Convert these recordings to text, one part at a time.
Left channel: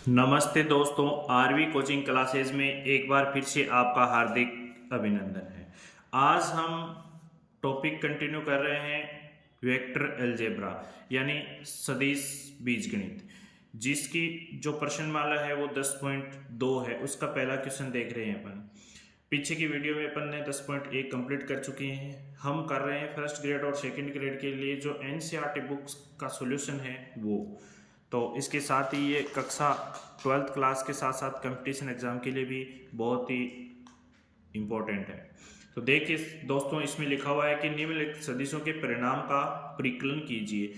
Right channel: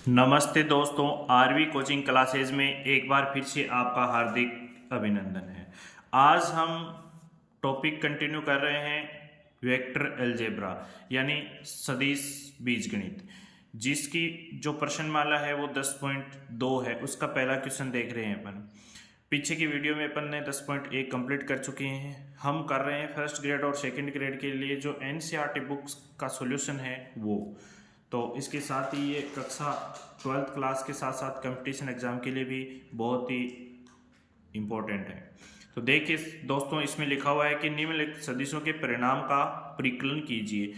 नमस्ते दोस्तों, RV coaching classes में एक बार फिर से आपका हार्दिक अभिनंदन है। आज हम टॉपिक कंटिन्यू कर रहे हैं वेक्टर अलजेब्रा यानी सदिश बीजगणित, जिसकी जो प्रश्नमाला है वो 10.2 है। उसका पहला क्वेश्चन देख रहे हैं अपन। पीछे की वीडियो में अपन ने 10.1 कंप्लीट कर चुके हैं। हम कर रहे हैं फर्स्ट ग्रेड और सेकंड ग्रेड के लिए जो एनसीईआरटी बुक्स का सॉल्यूशन है वो। तो इसके साथ ही ये कक्षा 12th क्लास के साथ साथ कंपटीशन एग्जाम के लिए भी बहुत ही इम्पोर्टेंट है। तो देखिए दोस्तों, इसमें लिखा हुआ है कि निम्नलिखित सदिशों के परिणाम का परिकलन कीजिए।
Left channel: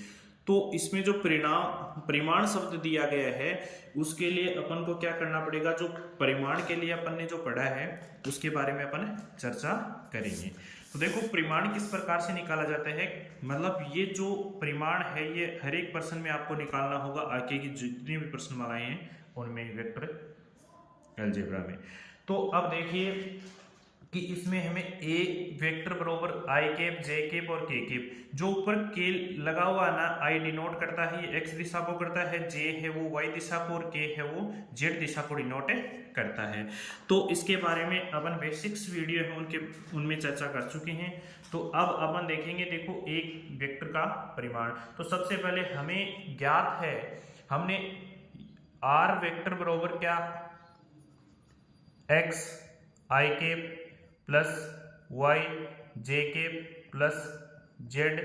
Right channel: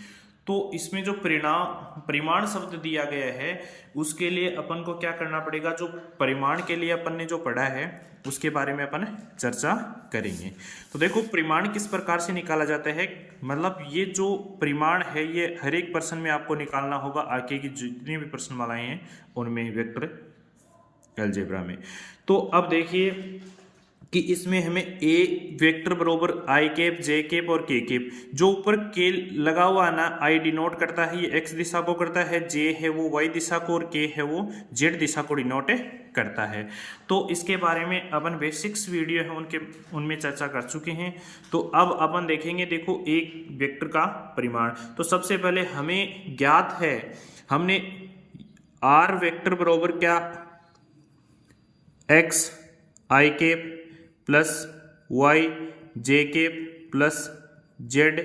तो इसमें जो परिमाण शब्द दिया गया है उसके लिए अपन को क्या करना पड़ेगा, जो परिमाण के लिए अपन ने जो पढ़ा है उसके बारे में अपन चर्चा करेंगे। तो देखो, परिमाण किस प्रकार से निकाला जाता है, मतलब ये जो परिमाण है ये हर एक प्रश्न में आपको निकालना होगा। आगे की जितनी भी प्रश्नमालाएं हैं उनमें वेक्टर अलजेब्रा में। तो अब देखिए कि इसमें हमें ए वेक्टर बरोबर आई कैप, जे कैप और के कैप, जो ऊपर के लगा हुआ है ना, आई डिनोट करता है, ये एक्स दिशा को करता है, जे है वो वाई दिशा को और के है वो जेड दिशा को डिनोट करता है। तो इसके बारे में अपन बेसिक्स वीडियो है उनमें चर्चा कर चुके हैं। तो अब अपन देखेंगे, देखो एक वेक्टर का परिमाण। तो सबसे पहले हमें ज्ञात है, हमने आर वेक्टर बरोबर क्या, X I cap plus Y J cap plus Z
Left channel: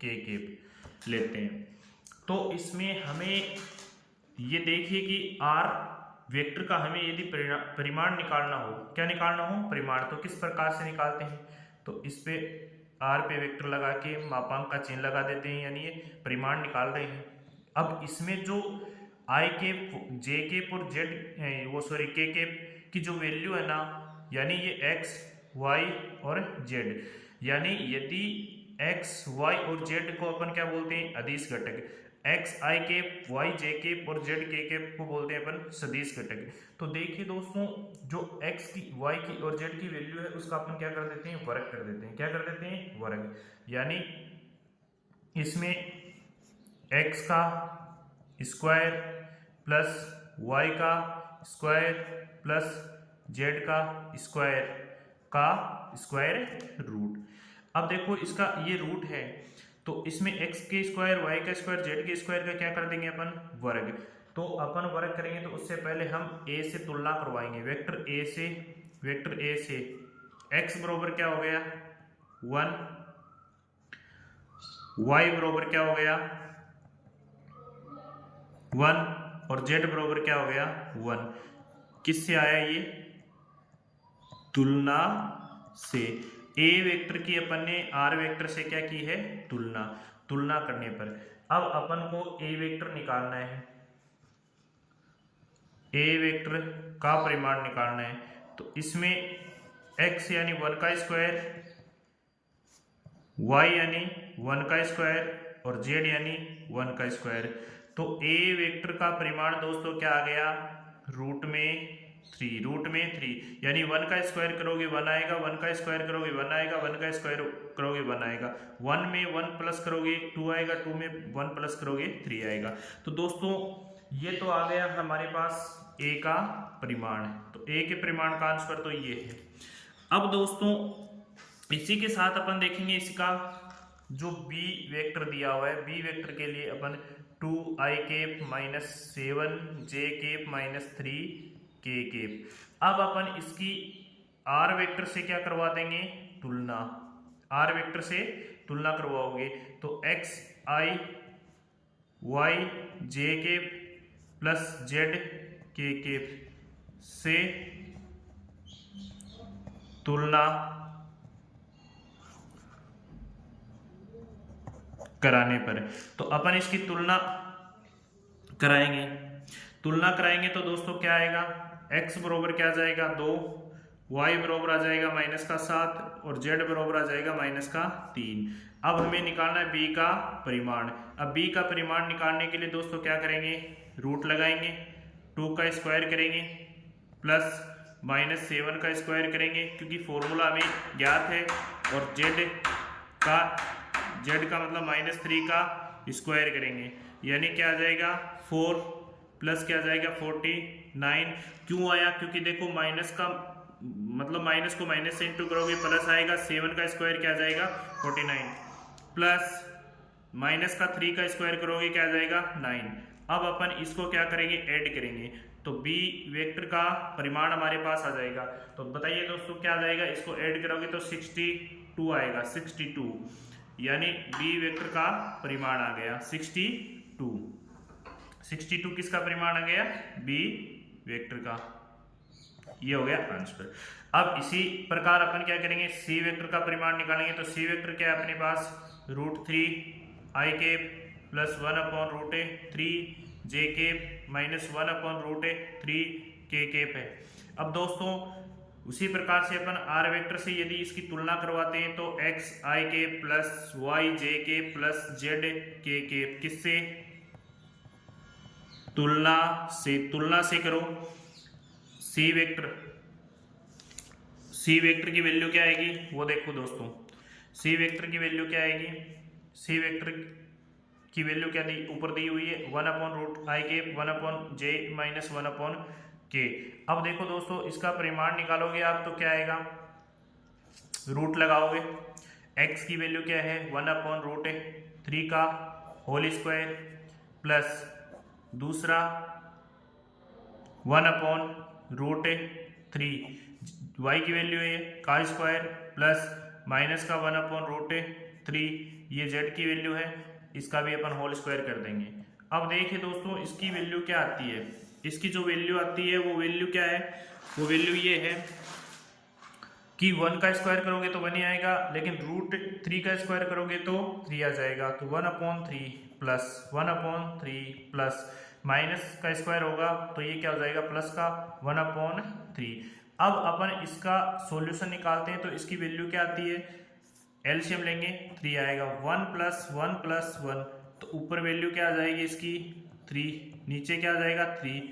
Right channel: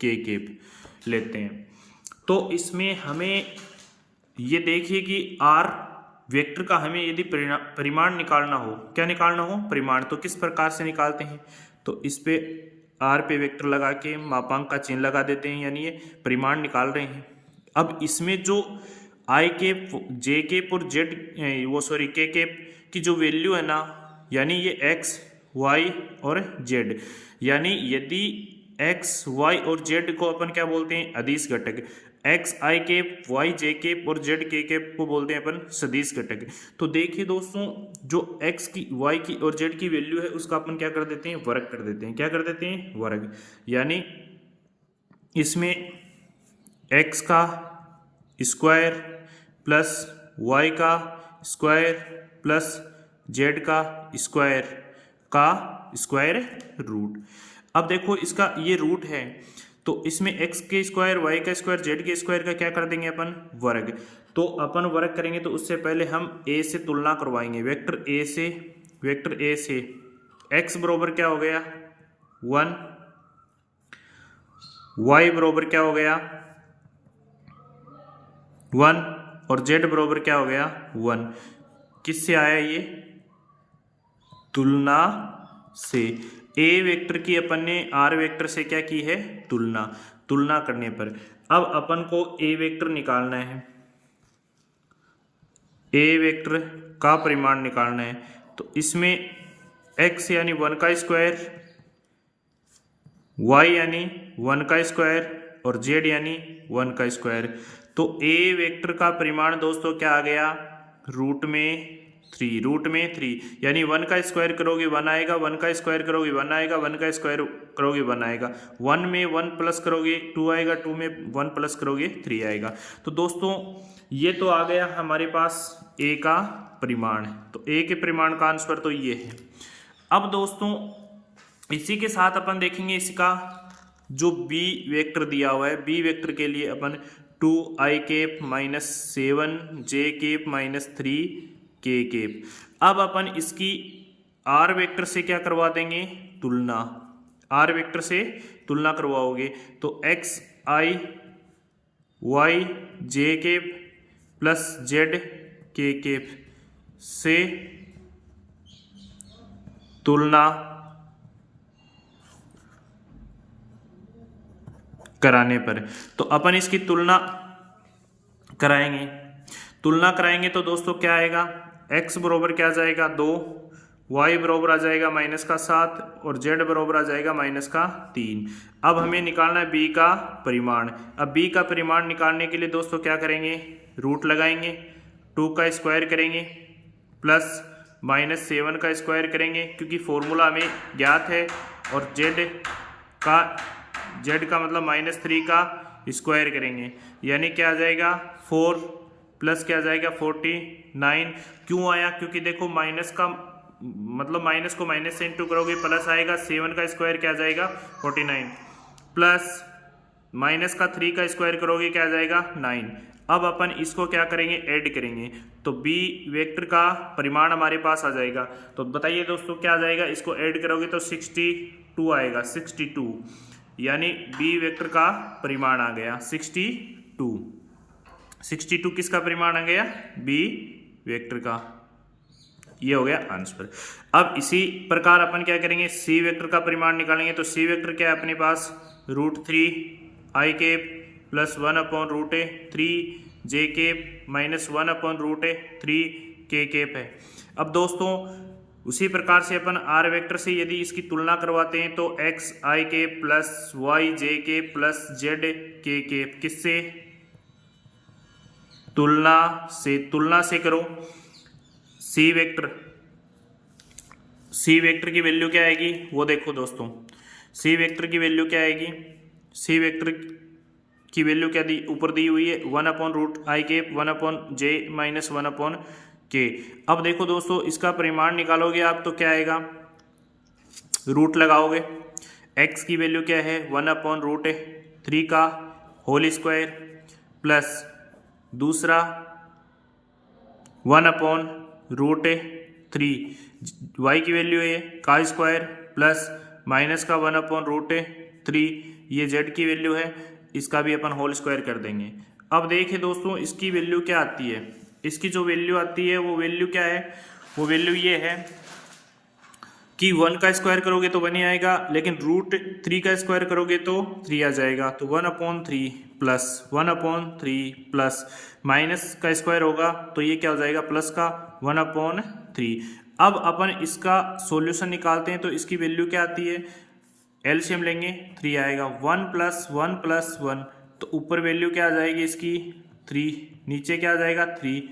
के केप लेते हैं। तो इसमें हमें ये देखिए कि आर वेक्टर का हमें यदि परिमाण निकालना हो, क्या निकालना हो, परिमाण, तो किस प्रकार से निकालते हैं। तो इस पे आर पे वेक्टर लगा के मापांक का चिन्ह लगा देते हैं, यानी ये परिमाण निकाल रहे हैं। अब इसमें जो आई केप, जे केप और जेड के केप की जो वैल्यू है ना, यानी ये एक्स वाई और जेड, यानी यदि एक्स वाई और जेड को अपन क्या बोलते हैं, अदिश घटक। एक्स आई केप, वाई जे केप और जेड के केप को बोलते हैं अपन सदिश घटक। तो देखिए दोस्तों, जो एक्स की, वाई की और जेड की वैल्यू है उसका अपन क्या कर देते हैं, वर्ग कर देते हैं। क्या कर देते हैं, वर्ग। यानी इसमें एक्स का स्क्वायर प्लस वाई का स्क्वायर प्लस जेड का स्क्वायर रूट। अब देखो इसका ये रूट है, तो इसमें x के स्क्वायर, y का स्क्वायर, z के स्क्वायर का क्या कर देंगे अपन, वर्ग। तो अपन वर्ग करेंगे तो उससे पहले हम a से तुलना करवाएंगे, वेक्टर a से x बरोबर क्या हो गया 1, y बरोबर क्या हो गया 1 और z बरोबर क्या हो गया 1। किससे आया ये, तुलना से। ए वेक्टर की अपन ने आर वेक्टर से क्या की है, तुलना करने पर। अब अपन को ए वेक्टर निकालना है, ए वेक्टर का परिमाण निकालना है। तो इसमें x यानी 1 का स्क्वायर, y यानी 1 का स्क्वायर और z यानी 1 का स्क्वायर। तो ए वेक्टर का परिमाण दोस्तों क्या आ गया, रूट में 3, यानी 1 का स्क्वायर करोगे 1 आएगा, 1 का स्क्वायर करोगे 1 आएगा, 1 का स्क्वायर करोगे 1 आएगा, 1 में 1 प्लस करोगे 2 आएगा, 2 में 1 प्लस करोगे 3 आएगा। तो दोस्तों ये तो आ गया हमारे पास ए का परिमाण। तो ए के परिमाण का आंसर तो ये है। अब दोस्तों इसी के साथ अपन देखेंगे इसका जो बी वेक्टर दिया हुआ है, बी वेक्टर के लिए अपन 2 i cap minus 7 j cap minus 3 k cap. अब अपन इसकी आर वेक्टर से क्या करवा देंगे, तुलना। आर वेक्टर से तुलना करवाओगे तो x i y J cap plus Z के केप से तुलना कराने पर, तो अपन इसकी तुलना कराएंगे तो दोस्तों क्या आएगा, x बरोबर क्या आ जाएगा 2, y बरोबर आ जाएगा -7 और z बरोबर आ जाएगा -3। अब हमें निकालना है b का परिमाण। अब b का परिमाण निकालने के लिए दोस्तों क्या करेंगे, रूट लगाएंगे, 2 का स्क्वायर करेंगे प्लस -7 का स्क्वायर करेंगे, क्योंकि फॉर्मूला हमें ज्ञात है, और z का मतलब -3 का स्क्वायर करेंगे, यानी क्या आ जाएगा 4 प्लस क्या आ जाएगा 49। क्यों आया? क्योंकि देखो माइनस का मतलब माइनस को माइनस से इंटू करोगे प्लस आएगा, 7 का स्क्वायर क्या आ जाएगा 49, प्लस माइनस का 3 का स्क्वायर करोगे क्या आ जाएगा 9। अब अपन इसको क्या करेंगे, ऐड करेंगे, तो बी वेक्टर का परिमाण हमारे पास आ जाएगा। तो बताइए दोस्तों क्या आ जाएगा, इसको ऐड करोगे तो 62 आएगा, 62, यानी बी वेक्टर का परिमाण आ गया 62। 62 किसका परिमाण आ गया, बी वेक्टर का। ये हो गया आंसर। अब इसी प्रकार अपन क्या करेंगे, सी वेक्टर का परिमाण निकालेंगे। तो सी वेक्टर क्या है अपने पास, √3 आई कैप प्लस 1/√3 जे कैप माइनस 1/√3 के कैप है। अब दोस्तों उसी प्रकार से अपन आर वेक्टर से यदि इसकी तुलना करवाते हैं तो x I cap plus Y J cap plus Z के कैप, किससे तुलना से करो। सी वेक्टर की वैल्यू क्या आएगी वो देखो दोस्तों, सी वेक्टर की वैल्यू क्या आएगी, सी वेक्टर की वैल्यू क्या दी, ऊपर दी हुई है 1/√i cap 1/j minus 1/k। अब देखो दोस्तों इसका परिमाण निकालोगे आप तो क्या आएगा, रूट लगाओगे, x की वैल्यू क्या है 1/√3 का होल स्क्वायर प्लस दूसरा 1/√3, y की वैल्यू है का स्क्वायर प्लस माइनस का 1/√3, ये z की वैल्यू है, इसका भी अपन होल स्क्वायर कर देंगे। अब देखिए दोस्तों इसकी वैल्यू क्या आती है, इसकी जो वैल्यू आती है वो वैल्यू क्या है, वो वैल्यू ये है कि 1 का स्क्वायर करोगे तो 1 ही आएगा, लेकिन √3 का स्क्वायर करोगे तो 3 आ जाएगा, तो 1/3 प्लस 1/3 प्लस माइनस का स्क्वायर होगा तो ये क्या हो जाएगा प्लस का 1/3। अब अपन इसका सॉल्यूशन निकालते हैं तो इसकी वैल्यू क्या आती है, एलसीएम लेंगे 3 आएगा, 1 + 1 + 1, तो ऊपर वैल्यू क्या आ जाएगी इसकी 3, नीचे क्या आ जाएगा 3,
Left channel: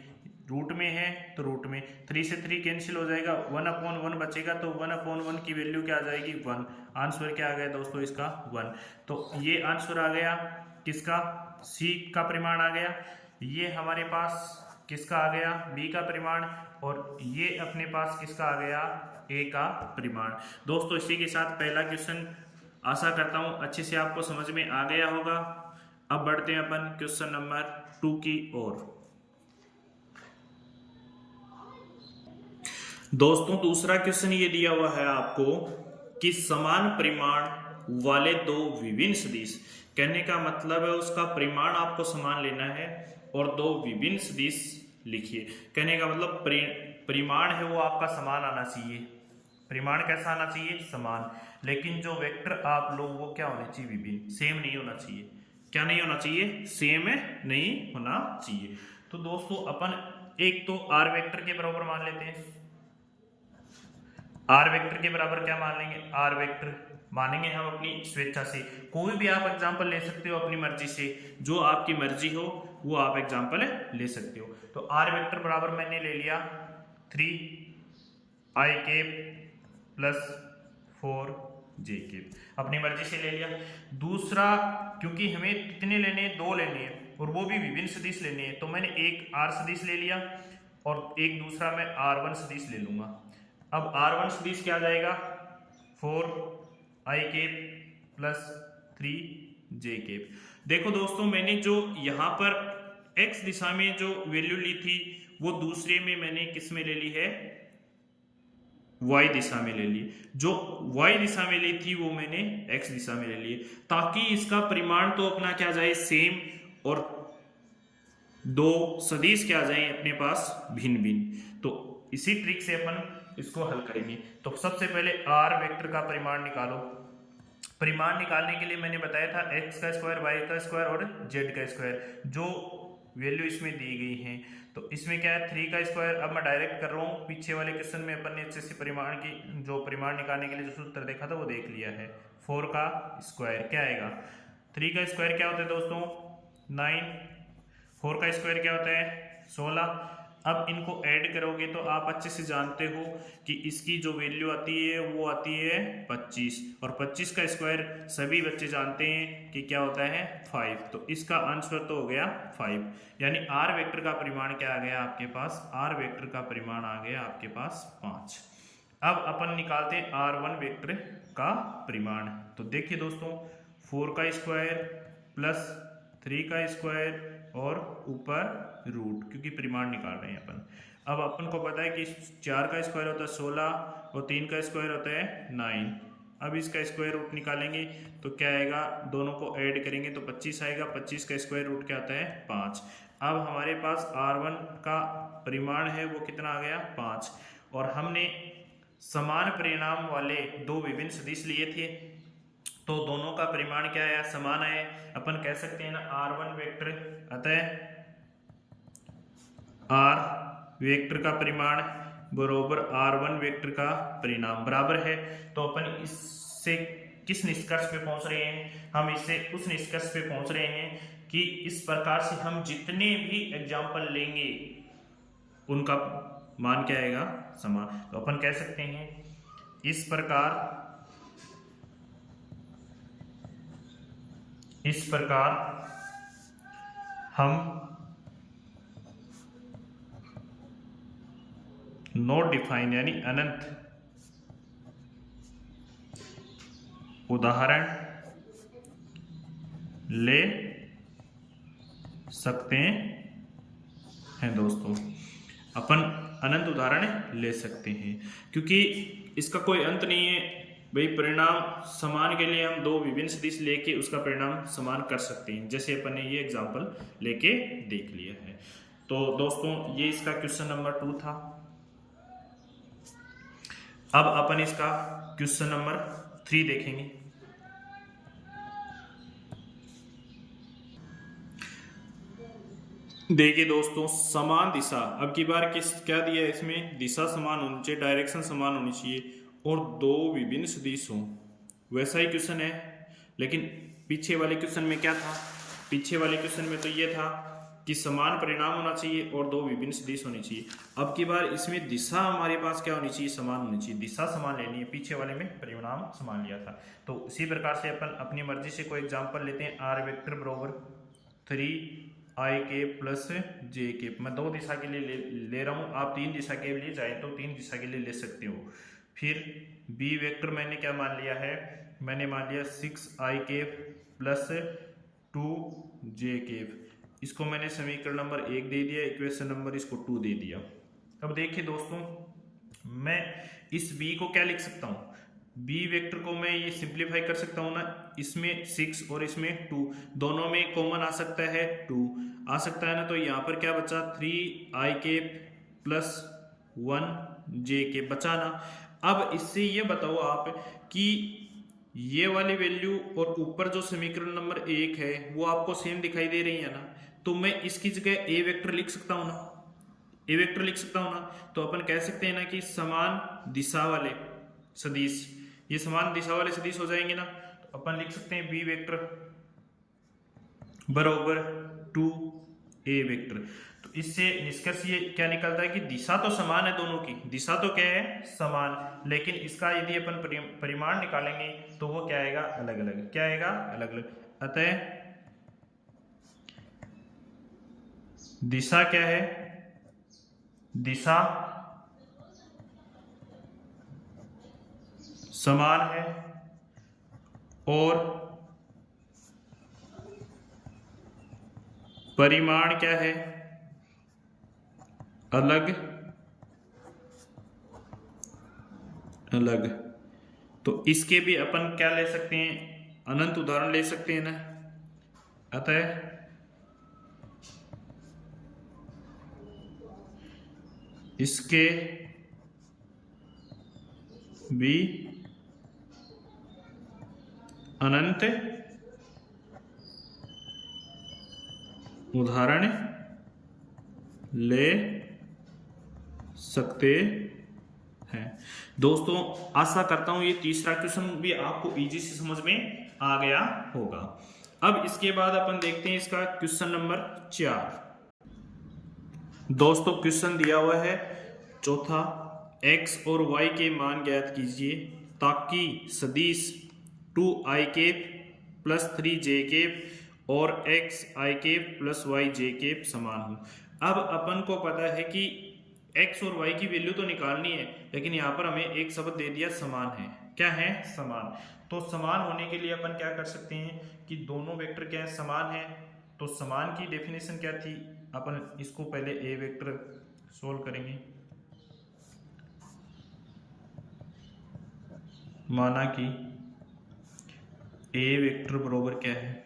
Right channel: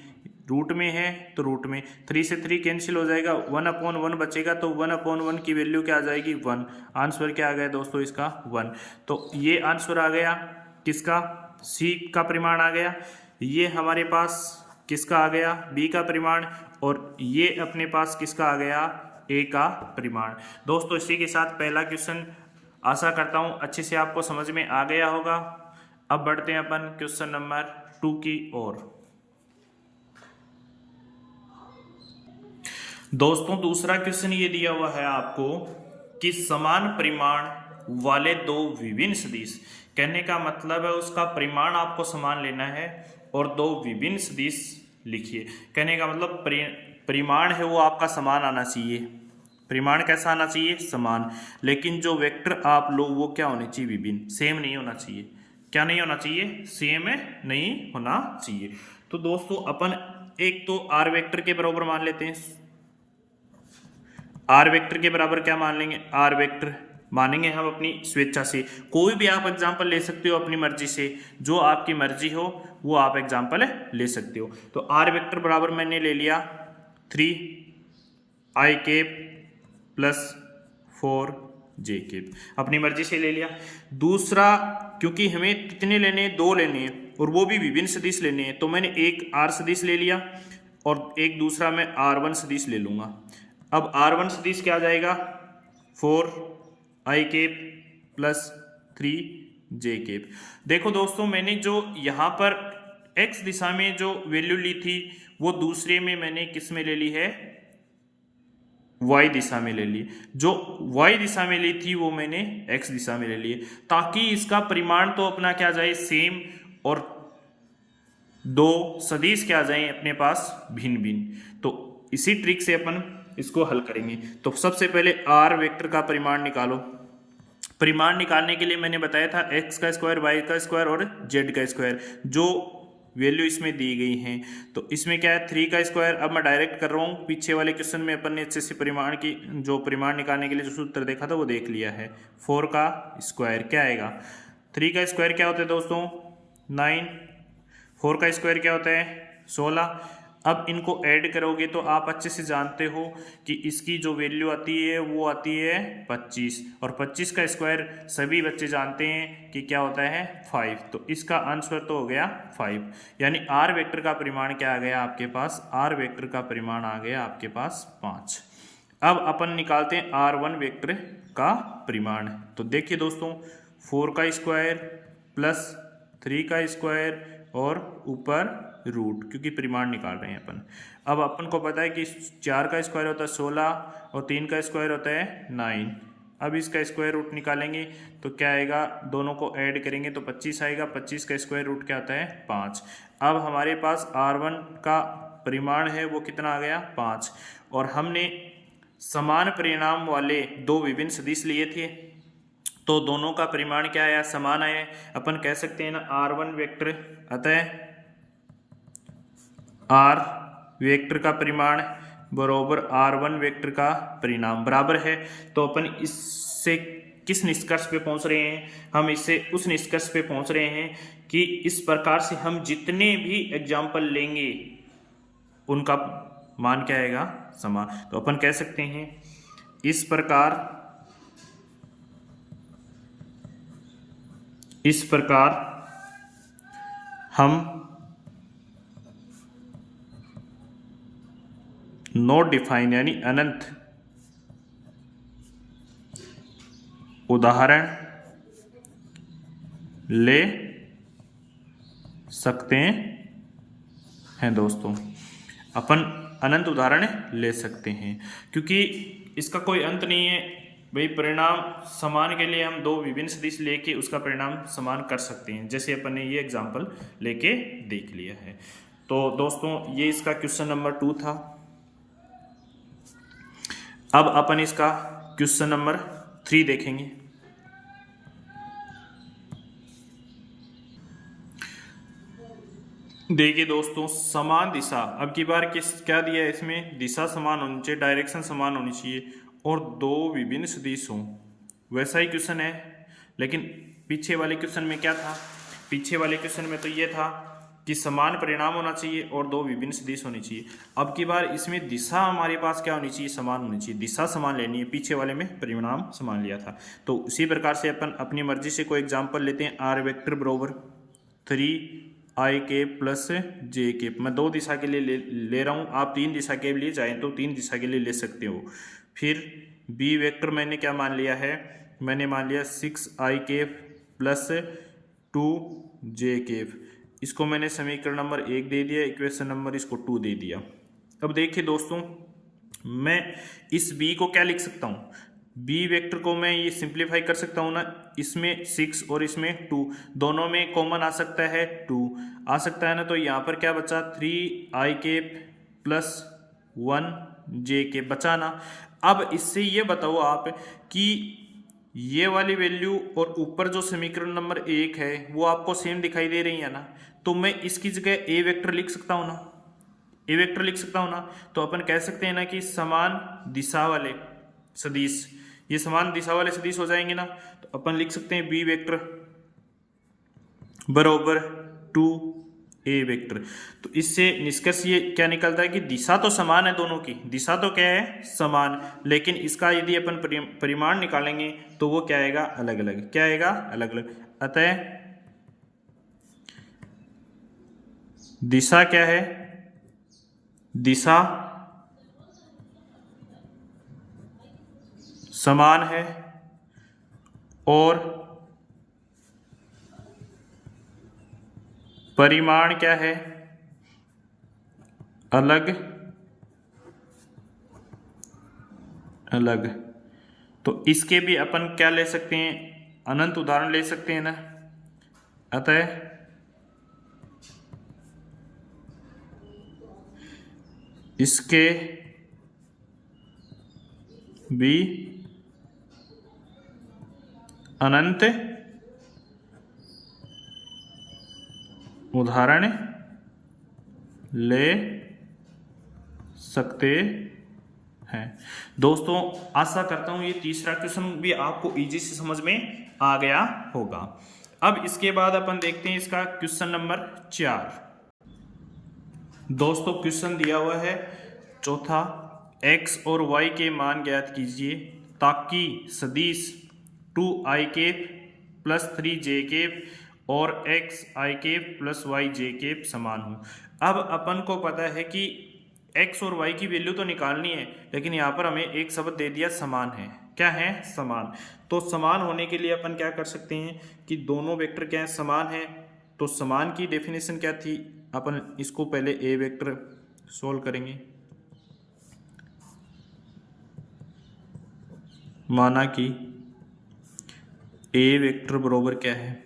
रूट में है तो रूट में 3 से 3 कैंसिल हो जाएगा, 1/1 बचेगा, तो 1/1 की वैल्यू क्या आ जाएगी 1। आंसर क्या आ गया दोस्तों इसका 1। तो ये आंसर आ गया किसका, सी का परिमाण आ गया, ये हमारे पास किसका आ गया बी का परिमाण, और ये अपने पास किसका आ गया ए का परिमाण। दोस्तों इसी के साथ पहला क्वेश्चन आशा करता हूं अच्छे से आपको समझ में आ गया होगा। अब बढ़ते हैं अपन क्वेश्चन नंबर 2 की ओर। दोस्तों दूसरा क्वेश्चन ये दिया हुआ है आपको कि समान परिमाण वाले दो विभिन्न सदिश, कहने का मतलब है उसका परिमाण आपको समान लेना है और दो विभिन्न सदिश लिखिए। कहने का मतलब परिमाण है वो आपका समान आना चाहिए, परिमाण कैसा आना चाहिए समान, लेकिन जो वेक्टर आप लो वो क्या होने चाहिए विभिन्न, सेम नहीं होना चाहिए। क्या नहीं होना चाहिए, सेम नहीं होना चाहिए। तो दोस्तों अपन एक तो आर वेक्टर के बराबर मान लेते हैं, आर वेक्टर के बराबर क्या मान लेंगे, आर वेक्टर मानेंगे हम अपनी स्वेच्छा से। कोई भी आप एग्जाम्पल ले सकते हो अपनी मर्जी से, जो आपकी मर्जी हो वो आप एग्जाम्पल ले सकते हो। तो आर वेक्टर बराबर मैंने ले लिया 3i cap plus 4j cap, अपनी मर्जी से ले लिया। दूसरा क्योंकि हमें कितने लेने हैं, 2 लेने हैं और वो भी विभिन्न सदिश लेने हैं, तो मैंने एक आर सदिश ले लिया और एक दूसरा मैं r1 सदिश ले लूंगा। अब r1 सदिश क्या आ जाएगा 4i cap plus 3j cap. देखो दोस्तों मैंने जो यहाँ पर x दिशा में जो वैल्यू ली थी वो दूसरे में मैंने किस में ले ली है, y दिशा में ले ली, जो y दिशा में ली थी वो मैंने x दिशा में ले ली, ताकि इसका परिमाण तो अपना क्या जाए सेम और दो सदिश क्या जाए अपने पास भिन्न भिन्न। तो इसी ट्रिक से अपन इसको हल करेंगे। तो सबसे पहले आर वेक्टर का परिमाण निकालो। परिमाण निकालने के लिए मैंने बताया था x का स्क्वायर, y का स्क्वायर और z का स्क्वायर, जो वैल्यू इसमें दी गई हैं। तो इसमें क्या है 3 का स्क्वायर, अब मैं डायरेक्ट कर रहा हूँ, पीछे वाले क्वेश्चन में अपन ने अच्छे से परिमाण की जो परिमाण निकालने के लिए जो सूत्र देखा था वो देख लिया है। 4 का स्क्वायर क्या आएगा, 3 का स्क्वायर क्या होता है दोस्तों 9, 4 का स्क्वायर क्या होता है 16। अब इनको ऐड करोगे तो आप अच्छे से जानते हो कि इसकी जो वैल्यू आती है वो आती है 25, और 25 का स्क्वायर सभी बच्चे जानते हैं कि क्या होता है 5। तो इसका आंसर तो हो गया 5, यानी आर वेक्टर का परिमाण क्या आ गया आपके पास, आर वेक्टर का परिमाण आ गया आपके पास 5। अब अपन निकालते हैं R1 वेक्टर का परिमाण। तो देखिए दोस्तों 4 का स्क्वायर प्लस 3 का स्क्वायर और ऊपर रूट, क्योंकि परिमाण निकाल रहे हैं अपन। अब अपन को पता है कि 4 का स्क्वायर होता है 16 और 3 का स्क्वायर होता है 9। अब इसका स्क्वायर रूट निकालेंगे तो क्या आएगा, दोनों को ऐड करेंगे तो 25 आएगा। 25 का स्क्वायर रूट क्या होता है 5। अब हमारे पास R1 का परिमाण है वो कितना आ गया 5, और हमने समान परिणाम वाले दो विभिन्न सदिश लिए थे तो दोनों का परिमाण क्या आया, समान आया। अपन कह सकते हैं ना R1 वेक्टर, अतः R वेक्टर का परिमाण बराबर R1 वेक्टर का परिणाम बराबर है। तो अपन इससे किस निष्कर्ष पे पहुंच रहे हैं, हम इससे उस निष्कर्ष पे पहुंच रहे हैं कि इस प्रकार से हम जितने भी एग्जाम्पल लेंगे उनका मान क्या आएगा, समान। तो अपन कह सकते हैं इस प्रकार हम नॉट डिफाइन यानी अनंत उदाहरण ले सकते हैं दोस्तों। अपन अनंत उदाहरण ले सकते हैं क्योंकि इसका कोई अंत नहीं है भाई। परिणाम समान के लिए हम दो विभिन्न सदिश लेके उसका परिणाम समान कर सकते हैं, जैसे अपन ने ये एग्जांपल लेके देख लिया है। तो दोस्तों ये इसका क्वेश्चन नंबर 2 था। अब अपन इसका क्वेश्चन नंबर 3 देखेंगे। देखिए दोस्तों समान दिशा, अब की बार क्या दिया है इसमें, दिशा समान होनी चाहिए, डायरेक्शन समान होनी चाहिए और दो विभिन्न सदिश हों। वैसा ही क्वेश्चन है, लेकिन पीछे वाले क्वेश्चन में क्या था, पीछे वाले क्वेश्चन में तो ये था कि समान परिणाम होना चाहिए और दो विभिन्न सदिश होनी चाहिए। अब की बार इसमें दिशा हमारे पास क्या होनी चाहिए, समान होनी चाहिए, दिशा समान लेनी है। पीछे वाले में परिणाम समान लिया था। तो उसी प्रकार से अपन अपनी मर्जी से कोई एग्जाम्पल लेते हैं। आर वेक्टर बरोबर 3i प्लस j। मैं दो दिशा के लिए ले रहा हूँ, आप तीन दिशा के लिए चाहें तो तीन दिशा के लिए ले सकते हो। फिर बी वेक्टर मैंने क्या मान लिया है, मैंने मान लिया 6i प्लस 2j। इसको मैंने समीकरण नंबर 1 दे दिया, इक्वेशन नंबर इसको 2 दे दिया। अब देखिए दोस्तों मैं इस b को क्या लिख सकता हूँ, बी वेक्टर को मैं ये सिंप्लीफाई कर सकता हूँ ना, इसमें 6 और इसमें 2, दोनों में कॉमन आ सकता है 2 आ सकता है ना। तो यहाँ पर क्या बचा 3i प्लस 1j बचा ना। अब इससे ये बताओ आप कि ये वाली वैल्यू और ऊपर जो समीकरण नंबर 1 है वो आपको सेम दिखाई दे रही है ना। तो मैं इसकी जगह ए वेक्टर लिख सकता हूँ ना, ए वेक्टर लिख सकता हूँ ना। तो अपन कह सकते हैं ना कि समान दिशा वाले सदिश, ये समान दिशा वाले सदिश हो जाएंगे ना। तो अपन लिख सकते हैं बी वेक्टर बरोबर 2a वेक्टर। तो इससे निष्कर्ष ये क्या निकलता है कि दिशा तो समान है, दोनों की दिशा तो क्या है समान, लेकिन इसका यदि अपन परिमाण निकालेंगे तो वो क्या आएगा अलग अलग, क्या आएगा अलग अलग। अतः दिशा क्या है, दिशा समान है और परिमाण क्या है अलग अलग। तो इसके भी अपन क्या ले सकते हैं, अनंत उदाहरण ले सकते हैं ना। अतः इसके भी अनंत उदाहरण ले सकते हैं। दोस्तों आशा करता हूं ये तीसरा क्वेश्चन भी आपको इजी से समझ में आ गया होगा। अब इसके बाद अपन देखते हैं इसका क्वेश्चन नंबर 4। दोस्तों क्वेश्चन दिया हुआ है चौथा, x और y के मान ज्ञात कीजिए ताकि सदिश 2i cap plus 3j cap और xi cap plus yj cap समान हो। अब अपन को पता है कि x और y की वैल्यू तो निकालनी है, लेकिन यहाँ पर हमें एक शब्द दे दिया समान है। क्या है? समान। तो समान होने के लिए अपन क्या कर सकते हैं कि दोनों वेक्टर क्या है? समान है। तो समान की डेफिनेशन क्या थी? अपन इसको पहले ए वेक्टर सोल्व करेंगे। माना कि ए वेक्टर बराबर क्या है?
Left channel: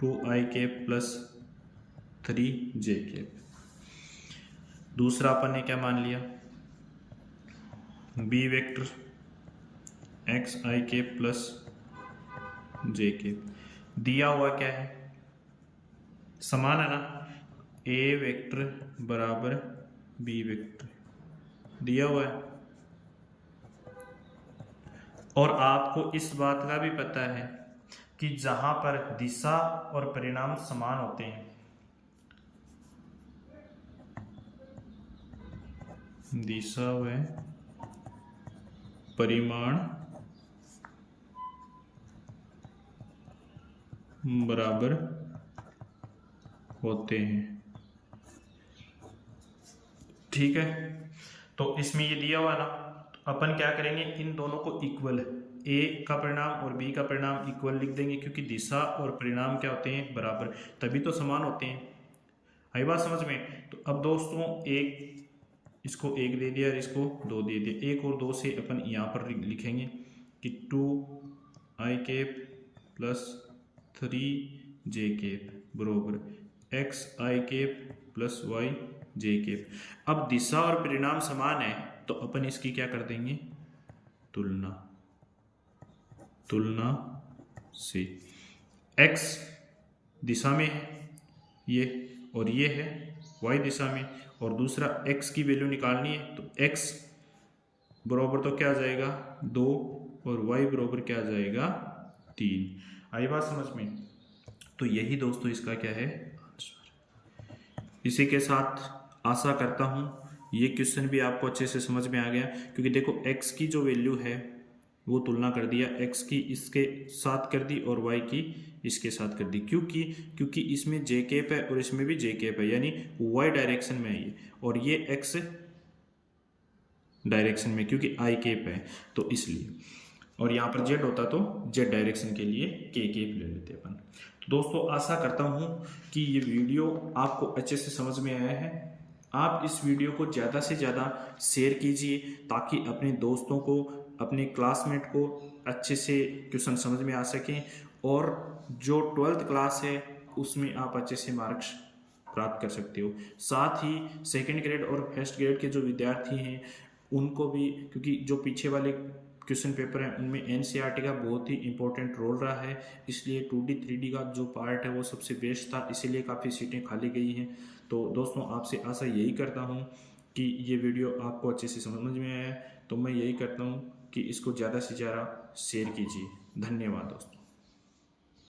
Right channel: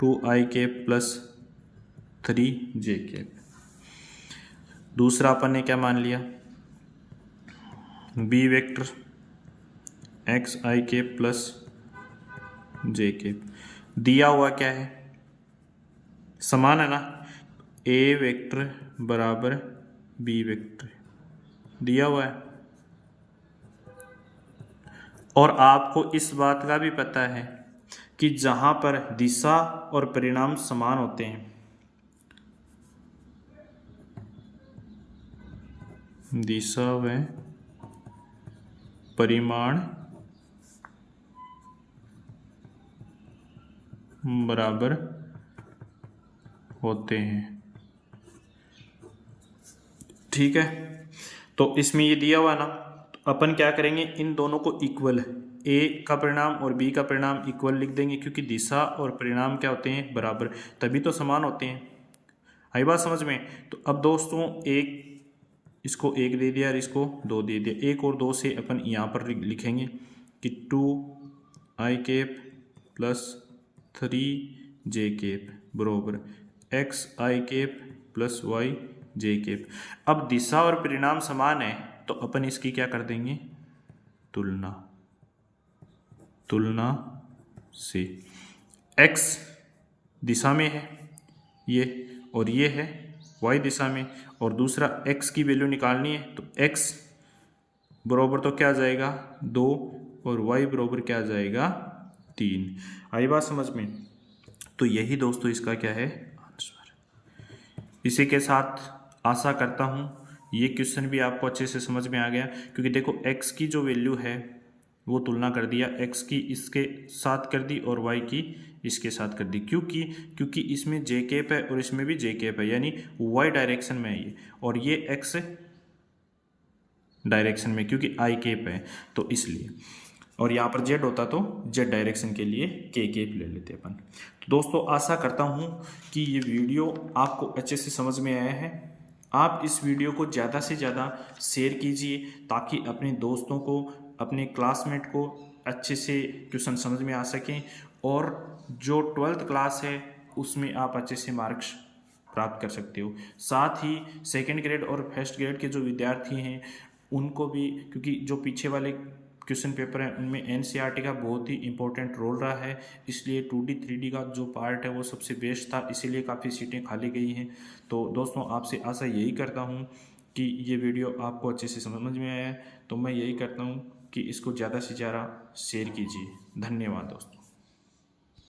2i cap plus 3j cap. दूसरा अपन ने क्या मान लिया? B vector xi cap plus j cap. दिया हुआ क्या है? समान है ना? ए वेक्टर बराबर बी वेक्टर दिया हुआ है। और आपको इस बात का भी पता है कि जहां पर दिशा और परिणाम समान होते हैं, दिशा व परिमाण बराबर होते हैं। ठीक है, तो इसमें ये दिया हुआ ना, तो अपन क्या करेंगे, इन दोनों को इक्वल, ए का परिणाम और बी का परिणाम इक्वल लिख देंगे, क्योंकि दिशा और परिणाम क्या होते हैं? बराबर, तभी तो समान होते हैं। आई बात समझ में? तो अब दोस्तों एक इसको एक दे दिया और इसको 2 दे दिया। 1 और 2 से अपन यहाँ पर लिखेंगे कि 2i cap plus 3j cap बरोबर xi cap plus yj cap. अब दिशा और परिणाम समान है तो अपन इसकी क्या कर देंगे? तुलना। तुलना से x दिशा में है ये, और ये है y दिशा में, और दूसरा x की वैल्यू निकालनी है, तो x बराबर तो क्या आ जाएगा? 2, और y बराबर क्या आ जाएगा? 3। आई बात समझ में? तो यही दोस्तों इसका क्या है? आंसर। इसी के साथ आशा करता हूँ ये क्वेश्चन भी आपको अच्छे से समझ में आ गया, क्योंकि देखो x की जो वैल्यू है वो तुलना कर दिया, x की इसके साथ कर दी और y की इसके साथ कर दी। क्योंकि इसमें j कैप है और इसमें भी j कैप है, यानी y डायरेक्शन में है ये, और ये x डायरेक्शन में, क्योंकि i कैप है तो इसलिए, और यहाँ पर z होता तो z डायरेक्शन के लिए k कैप ले लेते अपन। तो दोस्तों आशा करता हूँ कि ये वीडियो आपको अच्छे से समझ में आया है। आप इस वीडियो को ज़्यादा से ज़्यादा शेयर कीजिए ताकि अपने दोस्तों को, अपने क्लासमेट को अच्छे से क्वेश्चन समझ में आ सकें, और जो 12th क्लास है उसमें आप अच्छे से मार्क्स प्राप्त कर सकते हो। साथ ही सेकंड ग्रेड और फर्स्ट ग्रेड के जो विद्यार्थी हैं उनको भी, क्योंकि जो पीछे वाले क्वेश्चन पेपर हैं उनमें एनसीईआरटी का बहुत ही इंपॉर्टेंट रोल रहा है, इसलिए 2D 3D का जो पार्ट है वो सबसे बेस्ट था, इसीलिए काफ़ी सीटें खाली गई हैं। तो दोस्तों आपसे आशा यही करता हूँ कि ये वीडियो आपको अच्छे से समझ में आया है, तो मैं यही करता हूँ कि इसको ज़्यादा से ज़्यादा शेयर कीजिए। धन्यवाद दोस्तों।